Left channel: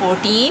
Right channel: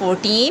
14۔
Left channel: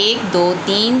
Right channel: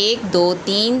1 2 3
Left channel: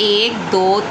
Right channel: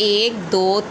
1 2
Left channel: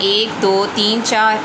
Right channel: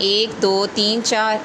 1 2 3 4